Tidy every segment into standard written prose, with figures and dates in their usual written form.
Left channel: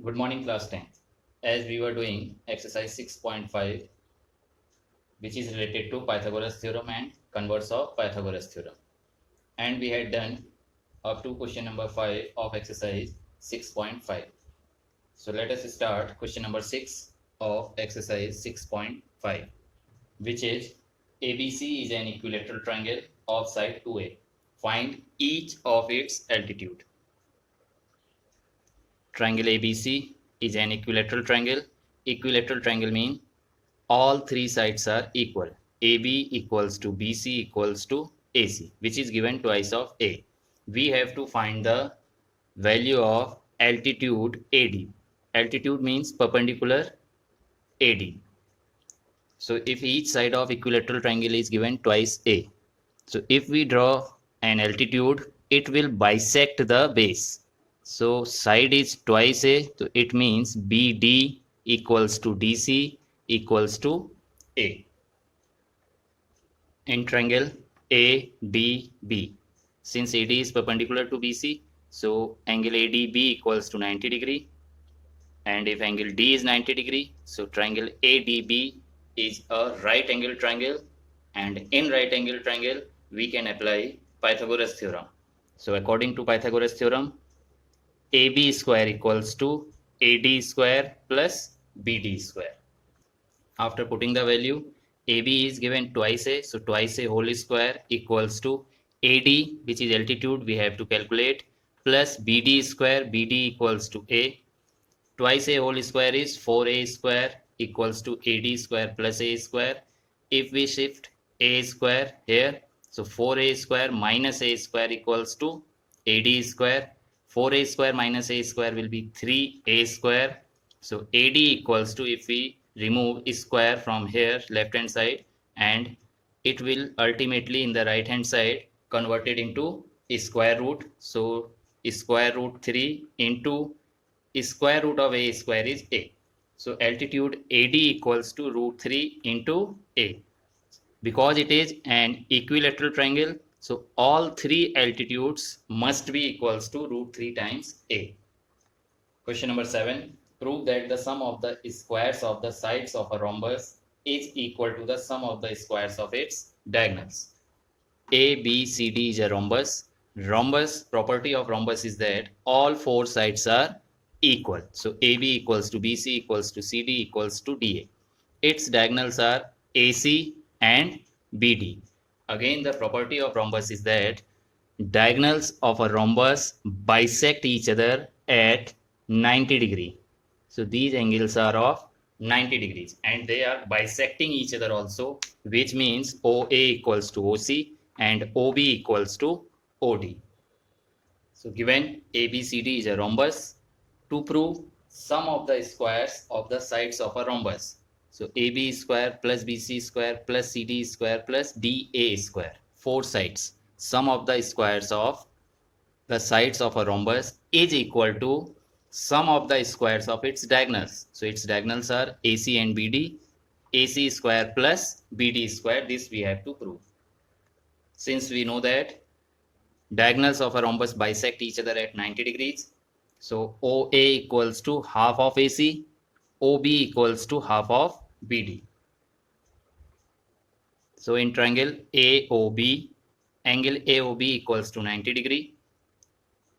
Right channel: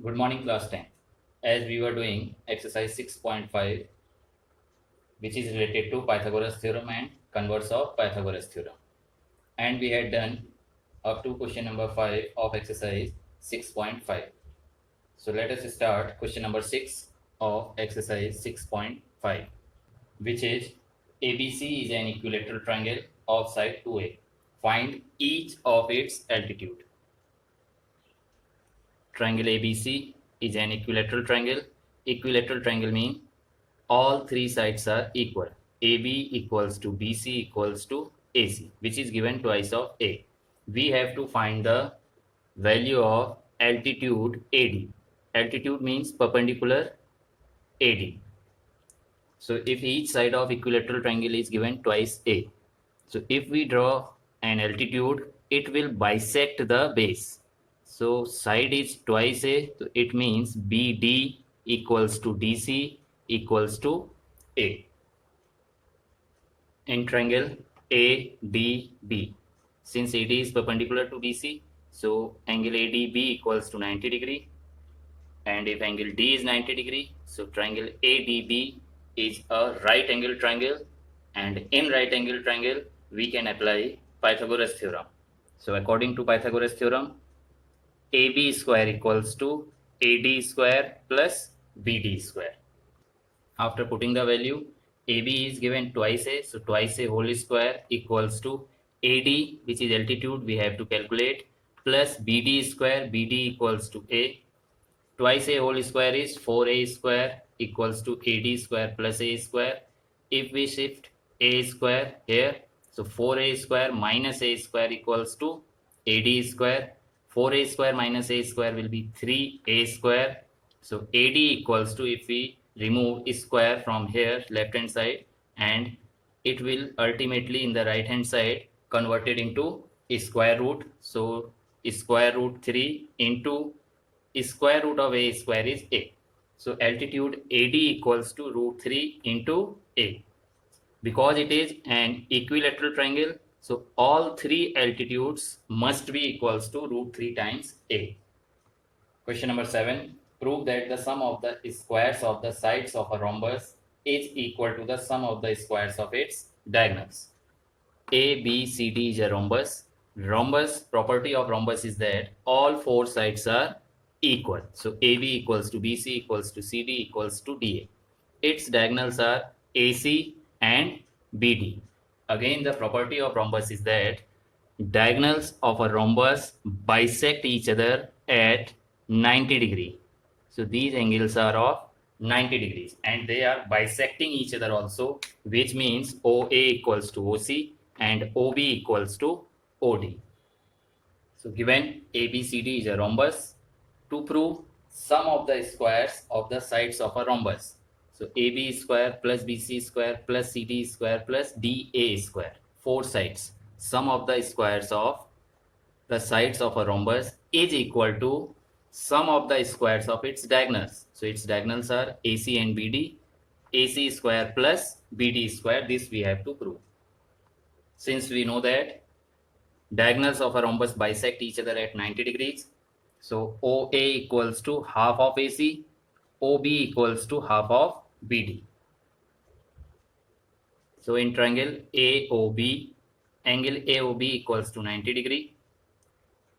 Good morning, class 10. As we were doing exercise 6.5, which is related to Pythagoras theorem and converse of Pythagoras theorem. And we had done up to question number 5 of exercise 6.5. So let us start question number 6 of exercise 6.5, which is ABC is an equilateral triangle of side 2A. Find each of its altitude. Triangle ABC is an equilateral triangle. Equilateral triangle means all three sides are equal. AB equals to BC equals to AC, which is given twice of A. We have to find the value of altitude AD. Altitude means perpendicular AD. So if each side of equilateral triangle is given twice A, so if we draw an altitude, it will bisect the base. So side is twice A, so it means BD equals to DC equals to A. In triangle ADB, since AD is perpendicular to BC, so angle ADB equals to 90 degree. And if angle D is 90 degree, so triangle ADB is a right angle triangle, and in right angle triangle we can apply Pythagoras theorem. So according to Pythagoras theorem, AB square equals to AD square plus BD square. After putting the value, AB is given twice A, so twice A whole square equals to AD, which is altitude we have to calculate, plus BD square, BD equals to A. Twice A whole square is 4A square equals to AD square plus A square. If we shift A square here, so 4A square minus A square equals to AD square. 4A square minus A square will be 3A square. So AD equals to, if we remove square from here left hand side, and it will ultimately in the right hand side converted into square root. So square root 3 into square root of A square is A. So altitude AD equals to root 3 into A. Because it is an equilateral triangle, so all three altitudes must be equals to root 3 times A. Question number 7. Prove that the sum of the squares of the sides of a rhombus is equal to the sum of the squares of its diagonals. A, B, C, D is a rhombus. Rhombus, property of rhombus is that all four sides are equal. So AB equals to BC equals to CD equals to DA. Its diagonals are AC and BD. Again, the property of rhombus is that diagonals of a rhombus bisect each other at 90 degree. So these angles are of 90 degrees and they are bisecting each other also, which means OA equals to OC and OB equals to OD. So given ABCD is a rhombus, to prove sum of the squares of the sides of a rhombus. So AB square plus BC square plus CD square plus DA square, four sides. Sum of the squares of the sides of a rhombus is equal to sum of the squares of its diagonals. So its diagonals are AC and BD. AC square plus BD square, this we have to prove. Since we know that diagonals of a rhombus bisect each other at 90 degrees, so OA equals to half of AC, OB equals to half of BD. So in triangle AOB, angle AOB equals to 90 degree.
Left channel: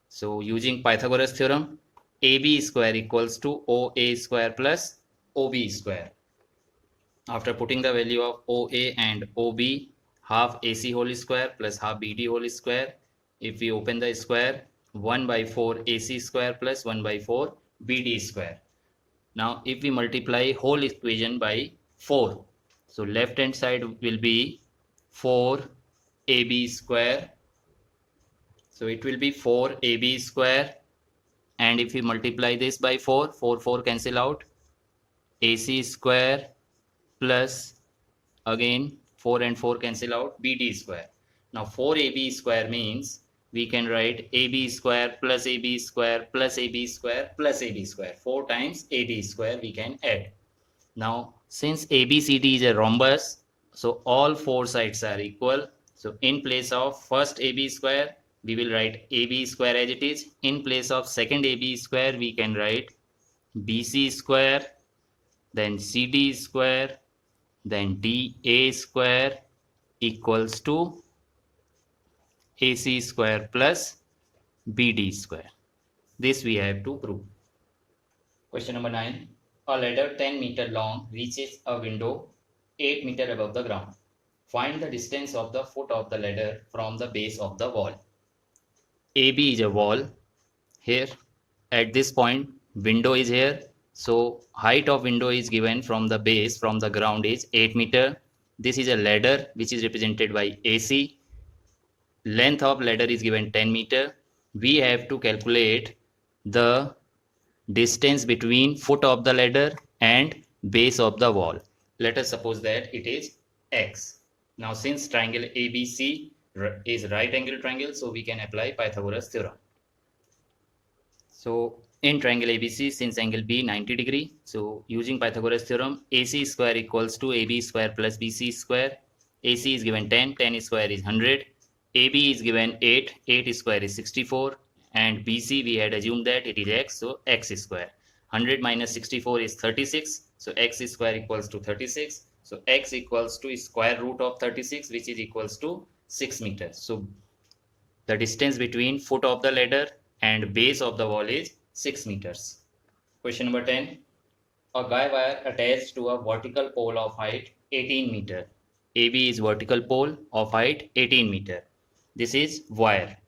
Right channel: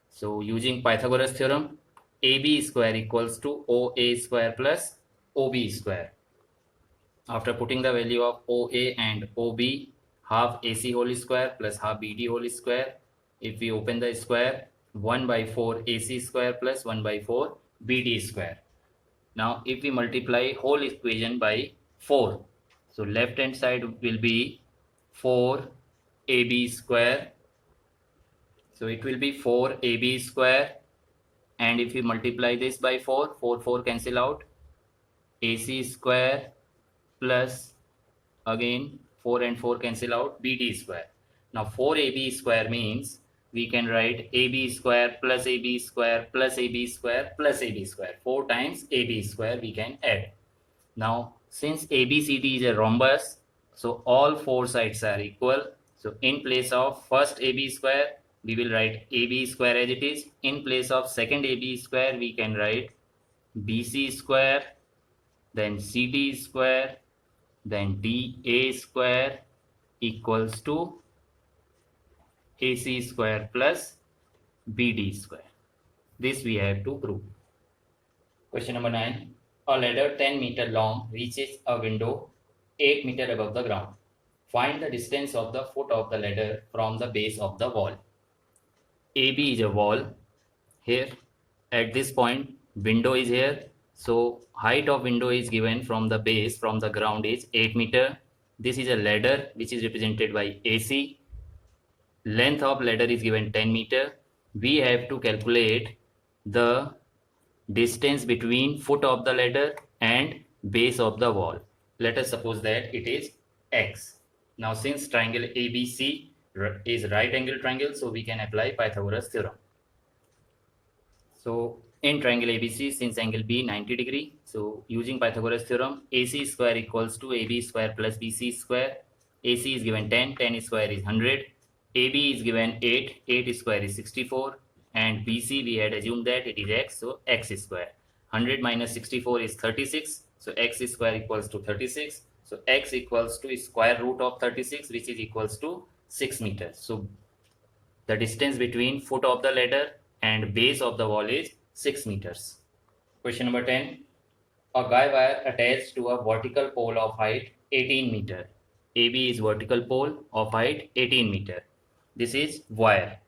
So using Pythagoras theorem, AB square equals to OA square plus OB square. After putting the value of OA and OB, half AC whole square plus half BD whole square. If we open the square, 1 by 4 AC square plus 1 by 4 BD square. Now if we multiply whole equation by 4, so left hand side will be 4 AB square. So it will be 4 AB square, and if we multiply this by 4, 4 cancel out, AC square plus again 4 and 4 cancel out, BD square. Now 4AB square means we can write AB square plus AB square plus AB square plus AB square. 4 times AB square we can add. Now since ABCD is a rhombus, so all four sides are equal. So in place of first AB square, we will write AB square as it is. In place of second AB square, we can write BC square, then CD square, then DA square equals to AC square plus BD square. This we have to prove. Question number 9. A ladder 10 meter long reaches a window 8 meter above the ground. Find the distance of the foot of the ladder from the base of the wall. AB is a wall. Here at this point window is here. So height of window is given from the base from the ground is 8 meter. This is a ladder which is represented by AC. Length of ladder is given 10 meter. We have to calculate the distance between foot of the ladder and base of the wall. Let us suppose that it is x. Now since triangle ABC is right angle triangle, so we can apply Pythagoras theorem. So in triangle ABC, since angle B 90 degree, so using Pythagoras theorem, AC square equals to AB square plus BC square. AC is given 10, 10 square is 100. AB is given 8, 8 square is 64. And BC we had assumed that it is x, so x square. 100 minus 64 is 36, so x square equals to 36. So x equals to square root of 36, which is equals to 6 meters. So the distance between foot of the ladder and base of the wall is 6 meters. Question number 10. A guy wire attached to a vertical pole of height 18 meter. AB is vertical pole of height 18 meter. This is wire.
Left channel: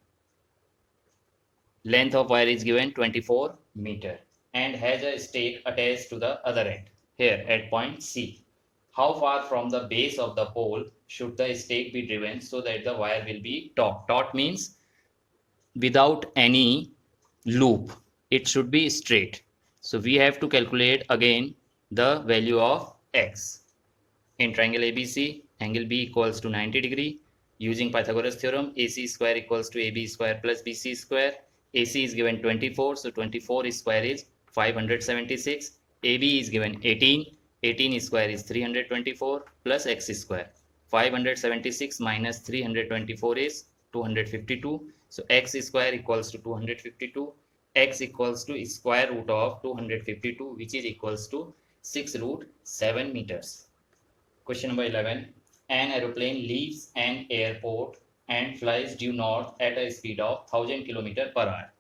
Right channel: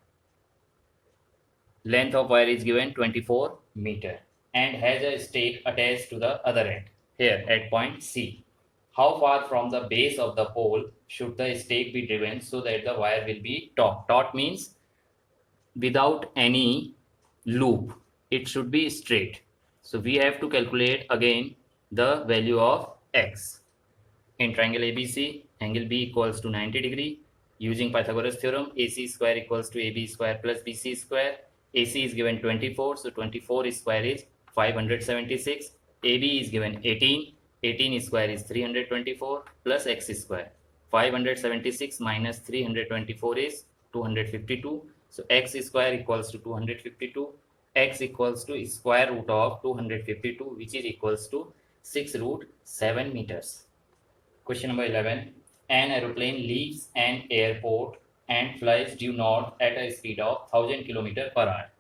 Length of wire is given 24 meter and has a stake attached to the other end here at point C. How far from the base of the pole should the stake be driven so that the wire will be taut? Taut means without any loop. It should be straight. So we have to calculate again the value of x. In triangle ABC, angle B equals to 90 degree. Using Pythagoras theorem, AC square equals to AB square plus BC square. AC is given 24, so 24 square is 576. AB is given 18, 18 square is 324 plus x square. 576 minus 324 is 252. So x square equals to 252. X equals to square root of 252, which is equals to 6 root 7 meters. Question number 11. An aeroplane leaves an airport and flies due north at a speed of 1000 km per hour.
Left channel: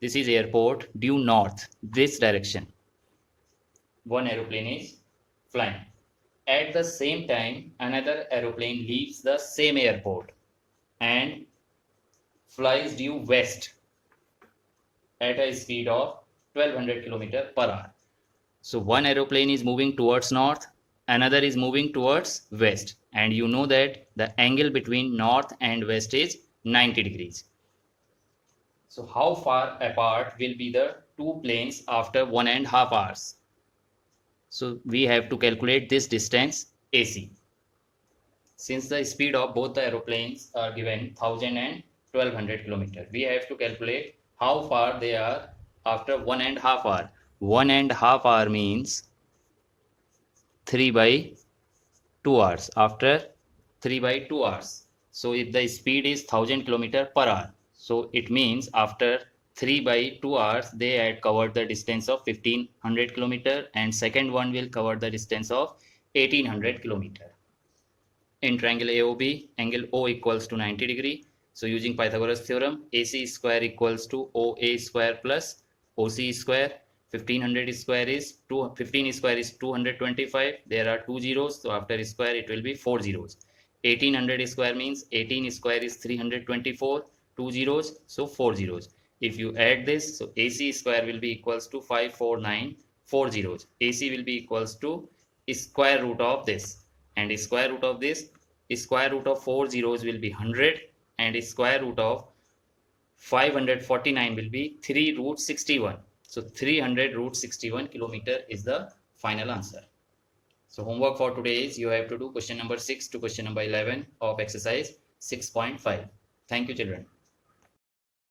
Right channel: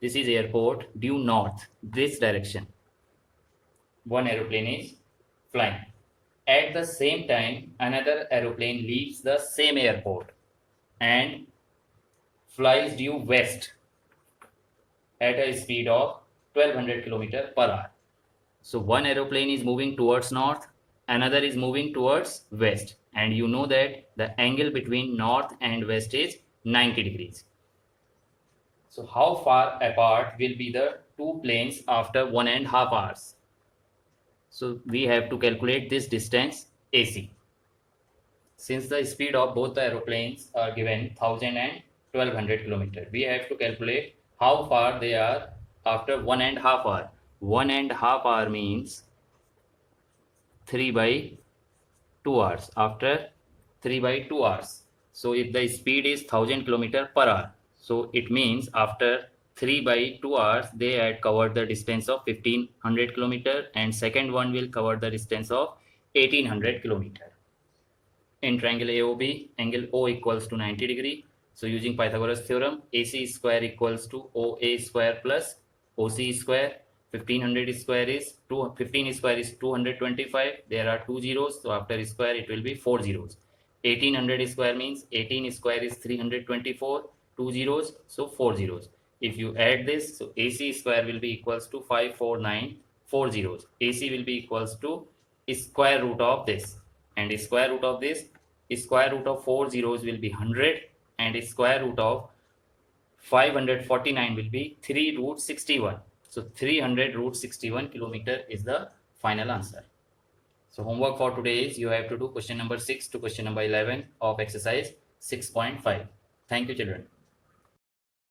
This is airport due north, this direction. One aeroplane is flying. At the same time, another aeroplane leaves the same airport and flies due west at a speed of 1200 km per hour. So one aeroplane is moving towards north, another is moving towards west, and you know that the angle between north and west is 90 degrees. So how far apart will be the two planes after 1.5 hours? So we have to calculate this distance AC. Since the speed of both the aeroplanes are given 1000 and 1200 km, we have to calculate how far they are after 1.5 hour. 1.5 hour means 3 by 2 hours. After 3 by 2 hours. So if the speed is 1000 km per hour, so it means after 3 by 2 hours they had covered the distance of 1500 km and second one will cover the distance of 1800 km. In triangle AOB, angle O equals to 90 degree. So using Pythagoras theorem, AC square equals to OA square plus OC square. 1500 square is 15 square is 225. There are 2 zeros, so after square it will be 4 zeros. 1800 square means 18 square is 324. 2 zeros, so 4 zeros. If you add this, so AC square will be equals to 549. 4 zeros. AC will be equals to square root of this, and square root of this, square root of 4 zeros will be 100, and square root of 549 will be 3 root 61. So 300 root 61 kilometer is the final answer. So homework for today is you have to do question number 6 to question number 11 of exercise 6.5. Thank you, children.